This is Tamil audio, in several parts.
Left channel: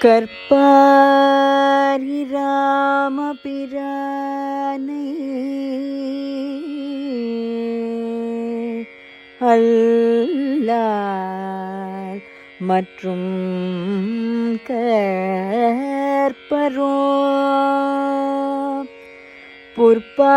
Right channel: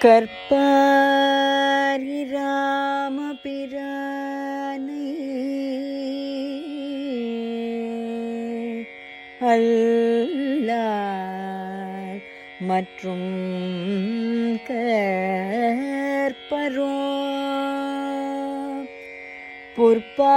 கற்பாரி ராமபிரானை அல்லார் மற்றும் கற்பரோ. புற்பா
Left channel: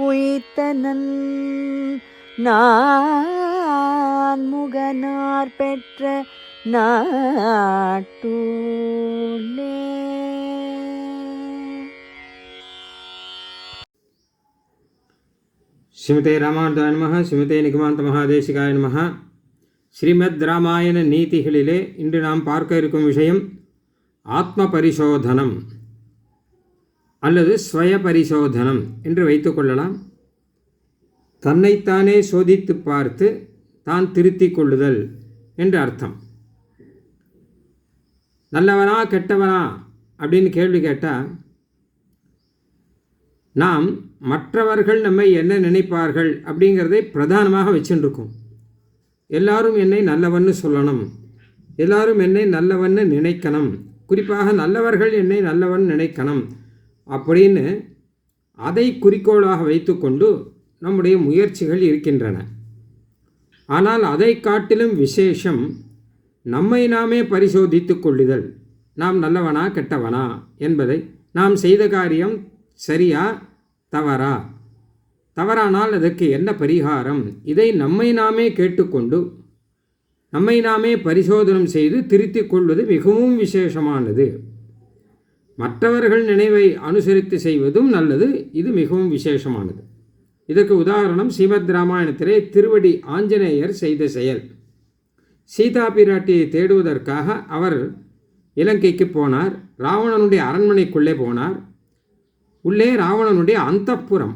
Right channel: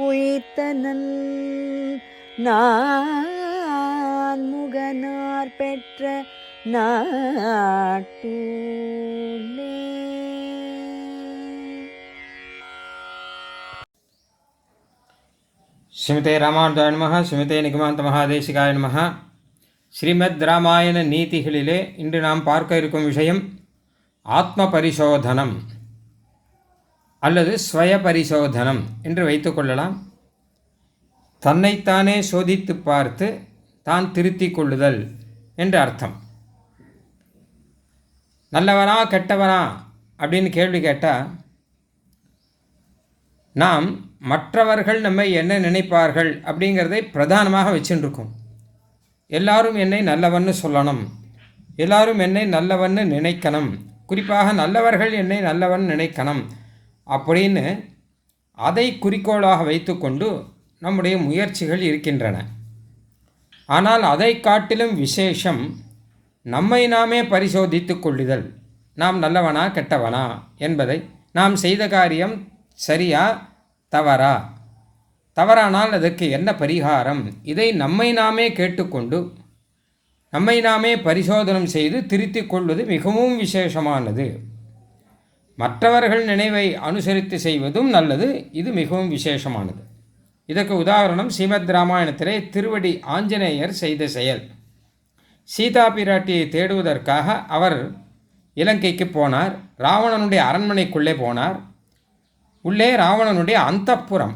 உயிர்த்தனன் நான் முகனார் பெற்ற நாட்டூலே ஸ்ரீமதே ராமானுஜாய நம ஸ்ரீமதே நிகமாந்த மகாதேசிகாய நம ஸ்ரீமத் ராமாயண நீதிகளிலே இன்று நாம் பார்க்க இருக்கும் விஷயம் ஆத்ம பரிசோதனம் அல்லது ஸ்வய பரிசோதனம் என்று வைத்துக்கொள்ளலாம் தன்னைத்தானே சோதித்து பார்த்து தான் திருத்திக் கொள்ளுதல் என்று அர்த்தம். நல்லவனா கெட்டவனா அப்படின்னு கேள்வி கேட்டால் நாம் மற்றவர்கள் நம்மை என்ன நினைப்பார்கள் அப்படிங்கிறதை பிரதானமாக வச்சுருக்கோம். எல்லாரும் என்னை நல்லவன்னு சொல்லணும். எல்லாரும் என்னை நல்லவன்னு நினைக்கணும். குறிப்பாக நல்லவர்கள் என்னை நல்லவன் நினைக்கணும். அப்படின்னு அதை குறிக்கோளாக வைத்துக்கொண்டு நம்முடைய முயற்சிகள் இருக்கின்றன. ஆனால் அதை காட்டிலும் விசேஷம் நம்மை நாமே பரிசோதித்து கொள்ளுதல். நாம் நல்லவனா கெட்டவனா என்பதை நாம் செய்த காரியம் சரியா தவறா? தவறானால் அதற்கு என்ன பரிகாரம்? இதை நம்மை நாமே கேட்டுக்கொண்டு நம்மை நாமே பரிசோதனம் செய்து திருத்திக் கொள்வது மிகவும் விசேஷமானது. மற்றவர்கள் நினைவை அனுசரித்து செய்வதும் நல்லது. இது மிகவும் விசேஷமானது. இதற்கு உதாரணம் ஸ்ரீமத் ராமாயணத்திலே திருவடி ஆஞ்சநேயர் செய்த செயல். சீதா பிராட்டியை தேடுவதற்காக அவர் இலங்கைக்கு போனார். ராவணனுடைய அரண்மனைக்குள்ளே போனார். உள்ளே ராவணனுடைய அந்தப்புறம்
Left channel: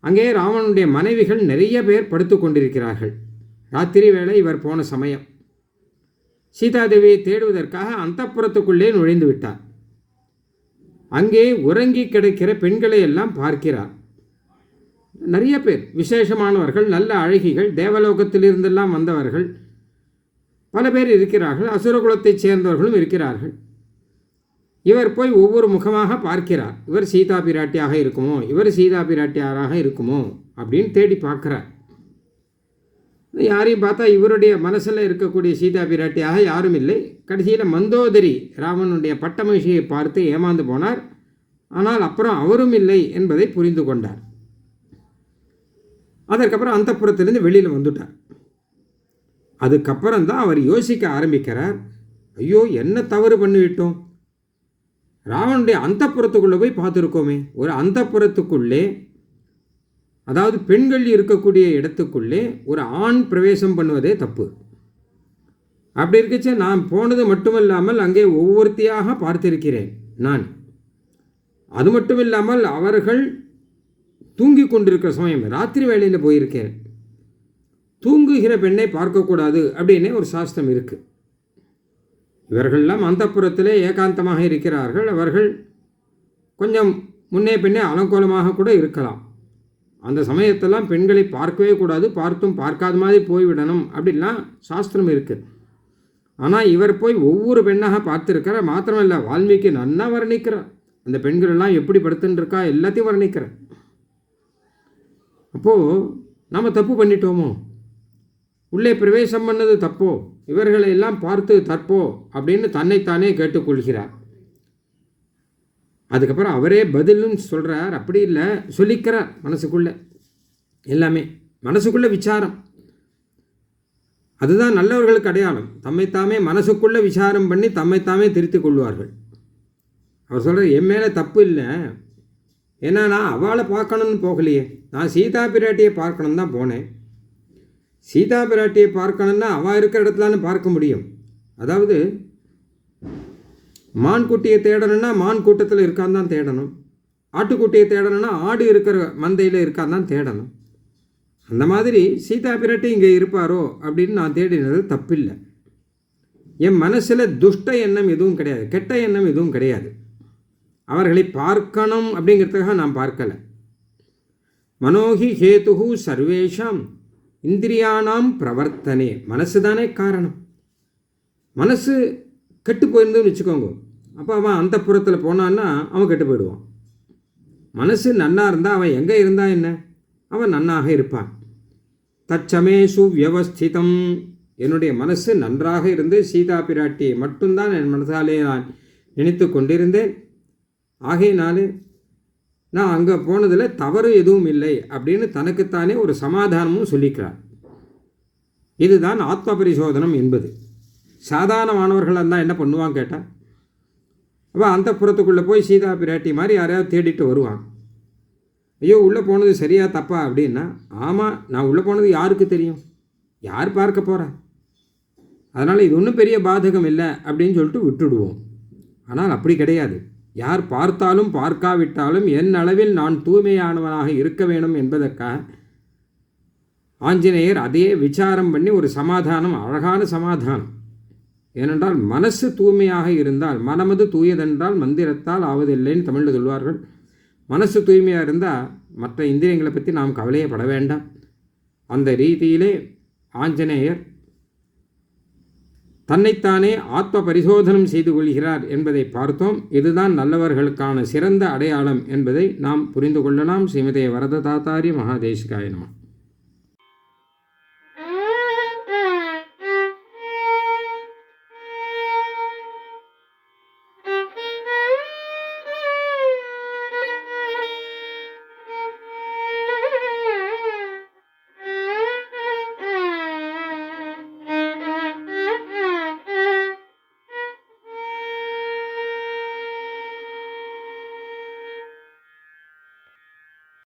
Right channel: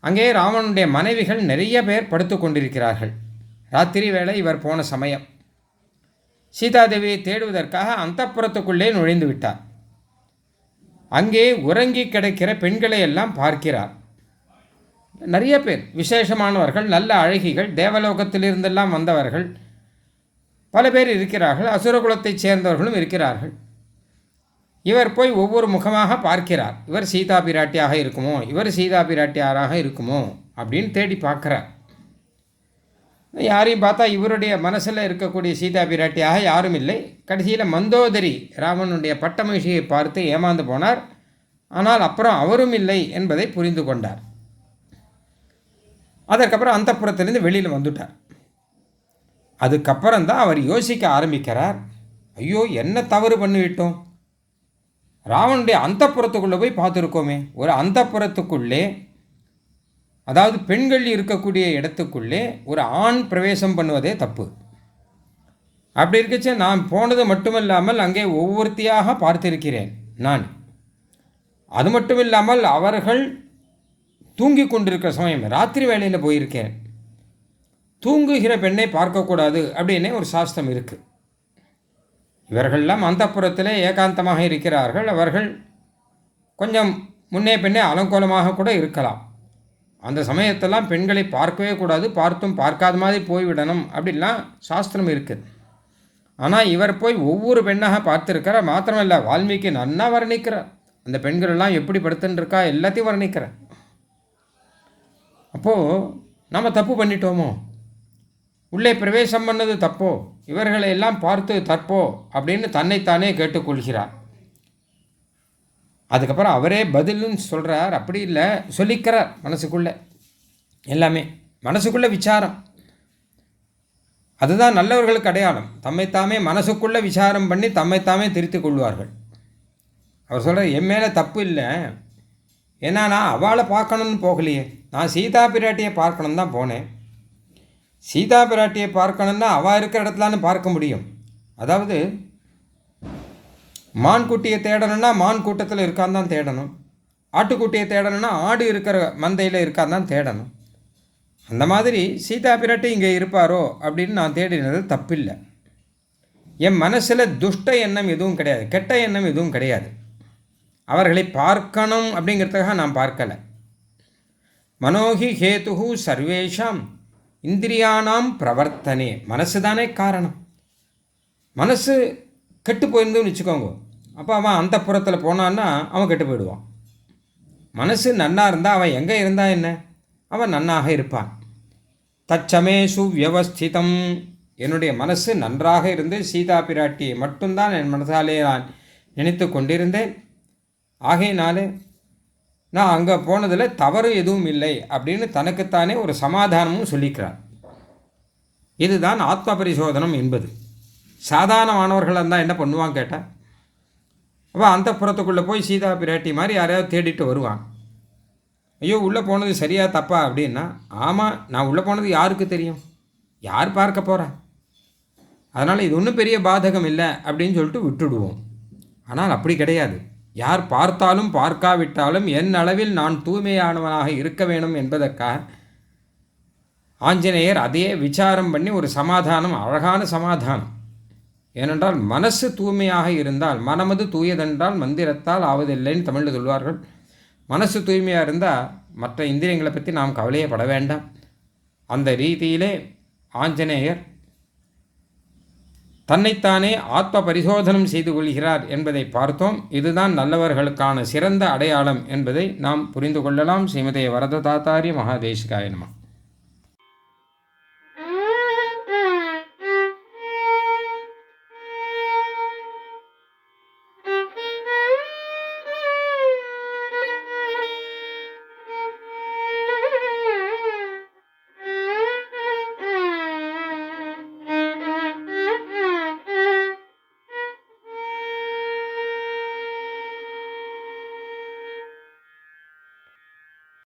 அங்கே ராவணனுடைய மனைவிகள் நிறைய பேர் படுத்து கொண்டிருக்கிறார்கள். ராத்திரி வேளை இவர் போன சமயம். சீதாதேவியை தேடுவதற்காக அந்தப்புறத்துக்குள்ளே நுழைந்து விட்டார். அங்கே உறங்கி கிடக்கிற பெண்களை எல்லாம் பார்க்கிறார். நிறைய பேர் விசேஷமானவர்கள் நல்ல அழகிகள் தேவலோகத்திலிருந்தெல்லாம் வந்தவர்கள் பல பேர் இருக்கிறார்கள் அசுரகுலத்தைச் சேர்ந்தவர்களும் இருக்கிறார்கள். இவர் போய் ஒவ்வொரு முகமாக பார்க்கிறார். இவர் சீதா பிராட்டியாக இருக்குமோ? இவர் சீதா பிராட்டியாராக இருக்குமோ? அப்படின்னு தேடி பார்க்குறார். யாரையும் பார்த்தா இவருடைய மனசில் இருக்கக்கூடிய சீதா பிராட்டியாக யாரும் இல்லை. கடைசியில் மந்தோதரி ராமனுடைய பட்டமகிழ்ச்சியை பார்த்து ஏமாந்து போனார். ஆனால் அப்புறம் அவரும் இல்லை என்பதை புரிந்து கொண்டார். அதற்கப்புறம் அந்த புறத்திலேருந்து வெளியில் வந்துட்டார். அதுக்கப்புறம் தான் அவர் யோசிக்க ஆரம்பிக்கிறார். ஐயோ என்ன தவறு பண்ணிவிட்டோம்? ராவனுடைய அந்தப்புறத்துக்குள்ளே போய் பார்த்துருக்கோமே. ஒரு அந்தப்புறத்துக்குள்ளே அதாவது பெண்கள் இருக்கக்கூடிய இடத்துக்குள்ளே ஒரு ஆண் பிரவேசம் பண்ணுவதே தப்பு. அப்படி இருக்கச்சு நான் போனது மட்டுமல்லாமல் அங்கே ஒவ்வொருத்தியாக பார்த்திருக்கிறேன் நான். அது மட்டும் இல்லாமல் அவர்கள் தூங்கி கொண்டிருக்கிற சமயம் ராத்திரி வேளையில் போயிருக்கேன் தூங்குகிற பெண்ணை பார்க்கக்கூடாது அப்படின்னே ஒரு சாஸ்திரம் இருக்குது இவர்கள்லாம் அந்தப்புறத்திலே ஏகாந்தமாக இருக்கிறார்கள். அவர்கள் கொஞ்சம் முன்னே பின்னே அலங்கோலமாக கூட இருக்கலாம். அந்த சமயத்தெல்லாம் பெண்களை பார்க்கவே கூடாது பார்த்தும் பார்க்காத மாதிரி போய்விடணும் அப்படிலாம் சாஸ்திரம் இருக்குது ஆனால் இவர் போய் ஒவ்வொரு பெண்ணாக பார்த்துருக்கிறார் மாத்திரமில்லை வால்மீகி நன்னா வர்ணிக்கிறார். அந்த பெண்கள் எல்லாம் எப்படி படுத்துட்டுருக்கா எல்லாத்தையும் வர்ணிக்கிறார். அப்போது நம்ம தப்பு பண்ணிட்டோமோ? உள்ளே பிரவேசம் பண்ணது தப்போ? இவர்களை எல்லாம் பார்த்து தற்போ? அப்படின்னு தன்னைத்தானே கேட்டுக்கொள்கிறார். அதுக்கப்புறம் அவரே பதிலும் சொல்கிறார் அப்படி இல்லை சொல்லிக்கிறார் மனசுக்குள்ளே. எல்லாமே மனசுக்குள்ளே விசாரம். அதுதான் நல்லவர்களுக்கு அடையாளம். தம்மைத்தாமே மனசுக்குள்ளே விசாரம் பண்ணி தம்மைத்தாமே திருத்திக் கொள்வார்கள். அவர் சொல்கிறார் என் மேலே தப்பு இல்லை. ஏன்னா நான் அவளை பார்க்கணும்னு போகலையே. நான் சீதா பிராட்டியை பார்க்கணும் தான் போனேன். சீதா பிராட்டியை பார்க்கணுன்னா அவள் இருக்கிற இடத்துலான்னு பார்க்க முடியும். அதாவது மான் குட்டியை தேடணும்னா மான் கூட்டத்தில் இருக்கான்னு தான் தேடணும். ஆட்டுக்குட்டியை தேடணும்னா ஆடு இருக்கிற மந்தையில் இருக்கான்னு தான் தேடணும். அந்த மாதிரி சீதா பிராட்டி இங்கே இருப்பாரோ அப்படின்னு நான் தேடினது தப்பில்லை. என் மனசில் துஷ்ட எண்ணம் எதுவும் கிடையாது கெட்ட எண்ணம் எதுவும் கிடையாது. அவர்களை பார்க்கணும் அப்படிங்கிறதுக்காக நான் பார்க்கலை. மனோகி ஹேதுகு சர்வேஷாம் இந்திரியானாம் பிரவர்த்தனே. மனசு தானே காரணம். மனசு கெட்டு போயிருந்தோன்னு வச்சுக்கோங்க. அப்போ அவன் அந்த புறத்தில் போனான்னா அவன் கெட்டு போயிடுவான். மனசு நன்னா இருந்தால் அவன் எங்கே இருந்தா என்ன? அவன் நன்னாக இருப்பான். தச்சமே சுவியவஸ்திதம் என்னுடைய மனசு நன்றாக இருந்து சீதா பிராட்டியை மட்டும்தான் என் மனசாலே நான் நினைத்து கொண்டிருந்தேன். ஆகையினாலே நான் அங்கே போனதில் தவறு எதுவும் இல்லை அப்படின்னு தனக்குத்தானே ஒரு சமாதானமும் சொல்லிக்கிறார். இதுதான் ஆத்ம பரிசோதனம் என்பது. சாதாரணமானவர்கள் இருந்தால் என்ன பண்ணுவான் கேட்டால் அவள் அந்த புறத்துக்குள்ளே போய் சீதா பிராட்டி மாதிரி யாரையாவது தேடிட்டு வருவான். ஐயோ உள்ளே போனது சரியா தப்பா அப்படின்னா ஆமாம் நான் உள்ளே போனது யாருக்கு தெரியும்? யார் பார்க்க போகிறா அதனால் இது ஒன்றும் பெரிய பாதகம் இல்லை அப்படின்னு சொல்லிட்டு விட்டுடுவோம். ஆனால் அப்படி கிடையாது. யார் பார்த்தாலும் பார்க்காவிட்டாலும் என் அளவில் நான் தூய்மையானவனாக இருக்க வேணும் என்பதற்காக ஆஞ்சநேயர் அதையே விசாரம் பண்ணி ஒரு சமாதானம் அழகான சமாதானம். ஏனென்றால் மனசு தூய்மையாக இருந்தால் மனமது தூயதென்றால் மந்திரத்தால் ஆவதில்லைன்னு தமிழில் சொல்வார்கள். மனசு தூய்மையாக இருந்தால் மற்ற இந்திரியங்களை பற்றி நாம் கவலையே பட வேண்டாம். அந்த ரீதியிலே ஆஞ்சநேயர் தன்னைத்தானே ஆத்ம பரிசோதனம் செய்து கொள்கிறார் என்பதை பார்த்தோம். இதுதான் நல்லவர்களுக்கான சிறந்த அடையாளம் என்பதை நாம் புரிந்து கொள்ளலாம். ஸ்ரீமதே வரத தாத்தாரி மகாதேசிகாய